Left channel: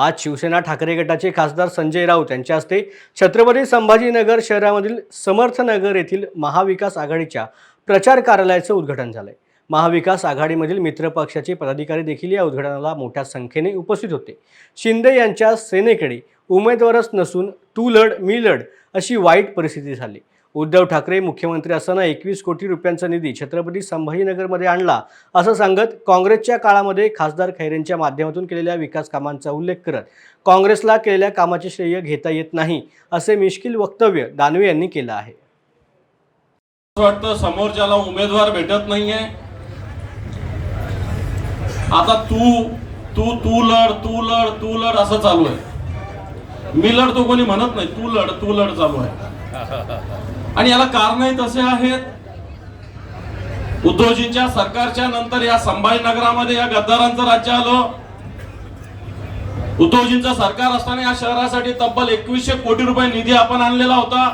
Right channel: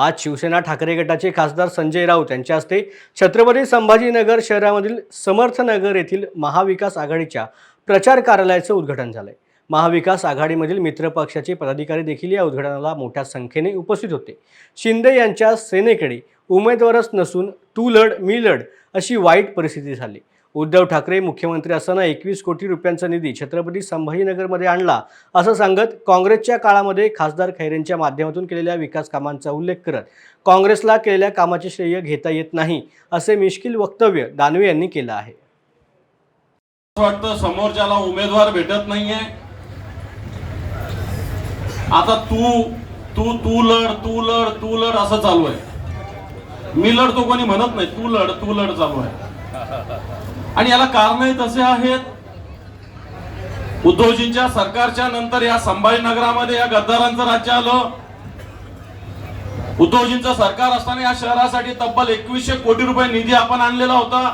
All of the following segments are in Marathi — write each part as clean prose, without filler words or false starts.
आज शिवसेना ठाकरे गटाचे खासदार संजय राऊत यांच्या हस्ते छत्रपती संभाजीनगर शहरामधील समर्थनगर येथील महाविकास आघाडीच्या प्रचार कार्यालयाचे उद्घाटन झाले। महाविकास आघाडीमधील मित्र पक्षाचे पदाधिकारी देखील या उद्घाटनाला मोठ्या संख्येने उपस्थित होते। शिंदे यांच्या सेनेकडे उमेदवारच नसून तू लढ मी लढ अशी वाईट परिस्थिती झाली। उद्धव ठाकरे मुख्यमंत्री असताना 21 कोटी रुपयांचा निधी छत्रपती संभाजीनगरमध्ये आणला असं सांगत काँग्रेसच्या काळामध्ये खासदार खैरेंच्या माध्यमातून केलेल्या विकास कामांचा उल्लेख करत काँग्रेसला केलेल्या कामाचे श्रेय घेता येत नाही असे मिश्किल वक्तव्य दानवे यांनी केलं आहे। वाटतं समोरच्याला उमेदवार भेटत नाहीये, आता तू तू तू लढ तू लढ तू लढ असं चालू आहे। मी लढतो कोणी म्हणत नाही, तू लढ चालू आहे। आणि याला कारणही तसे आहेत। उद्धवजींच्या सरकारच्या नंतर या संभाजीनगरामध्ये या गद्दारांचं राज्य आलं। उद्धवजींचं सरकार असताना या शहरासाठी तब्बल 2100 कोटी रुपये निधी आपण आणलेला होता।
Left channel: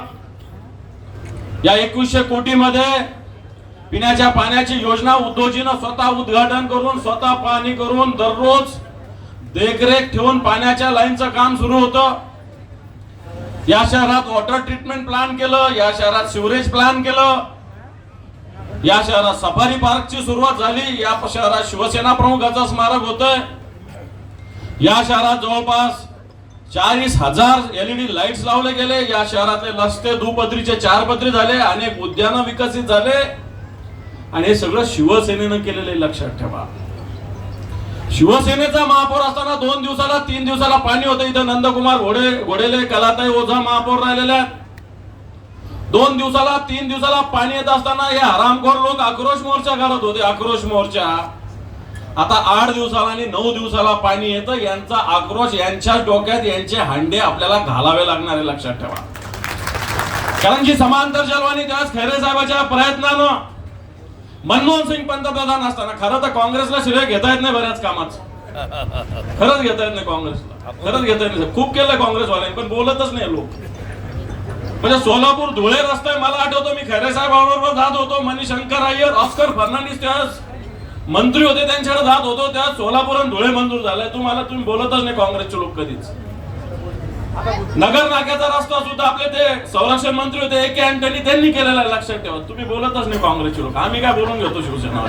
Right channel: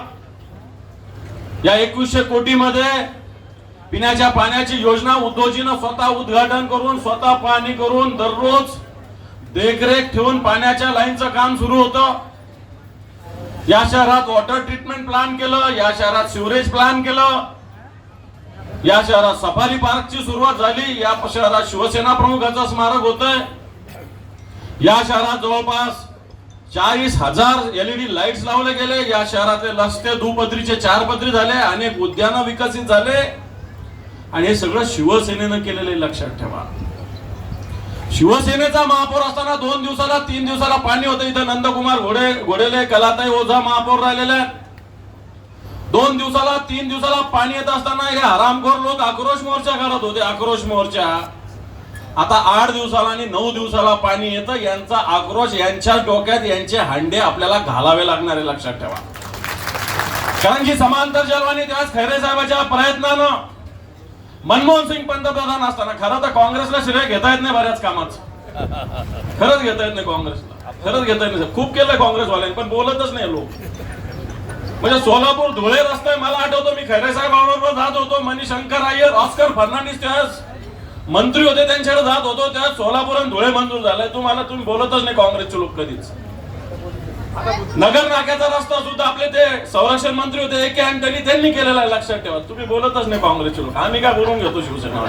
या 2100 कोटी मध्ये पिण्याच्या पाण्याची योजना उद्धवजीनं स्वतः उद्घाटन करून स्वतः पाहणी करून दररोज देखरेख ठेवून पाण्याच्या लाईनचं काम सुरू होतं। या शहरात वॉटर ट्रीटमेंट प्लांट केलं, या शहरात सिवरेज प्लांट केलं, या शहरात सफारी पार्कची सुरुवात झाली, या शहरात शिवसेना प्रमुखाचं स्मारक होतंय। या शहरात जवळपास 40,000 LED लाईट्स लावले गेले। या शहरातले रस्ते दुपदरीचे 4 पदरी झाले, अनेक उद्यानं विकसित झाले आणि हे सगळं शिवसेनेनं केलेले लक्षात ठेवा। शिवसेनेचा महापौर असताना 2 दिवसाला 3 दिवसाला पाणी होतं। इथं नंदकुमार घोडेले कलाताई ओझा महापौर राहिलेले। 2 दिवसाला 3 दिवसाला पाणी येत असताना हे हरामखोर लोक आक्रोश मोर्चा करत होते, आक्रोश मोर्चा। आता 8 दिवसाला आणि 9 दिवसाला पाणी येतं। यांचा आक्रोश यांच्या डोक्यात यांचे हांडे आपल्याला घालावे लागणार आहे, लक्षात ठेवा। कारण की समांतर जलवाणी त्याच खैरे साहेबांच्या प्रयत्नानं मनमोहन सिंग पंतप्रधान असताना, खरं तर काँग्रेसला श्रेय घेता येत नाही बऱ्याच कामाचं, खरंच घेता येत नाही काँग्रेसला, खरंच घेता येत नाही। खूप केलंय काँग्रेसवाल्यांनी पण बोलतच नाही लोक। म्हणजे सोलापूर धुळे रस्ता मला आठवतो, मी खैरे साहेबांबरोबर जात होतो, मणिशंकर अय्यर, ऑस्कर फर्नांडिस त्यास मंत्री होते, त्यांच्याकडे जात होतो, त्या सोलापूर आणि धुळे मंजूर झालाय। तुम्ही बोलतच नाही काँग्रेसचे लोक कधीच। नगर नाक्याचा रस्ता सुद्धा आपले ते संरक्षण मंत्री होते AK अँटनी, त्यांनी केलेला आहे, लक्षात ठेवा। तुम्ही बोलतच नाही काँग्रेसचे लोक। आम्ही काय बोलून घेतो शिवसेना।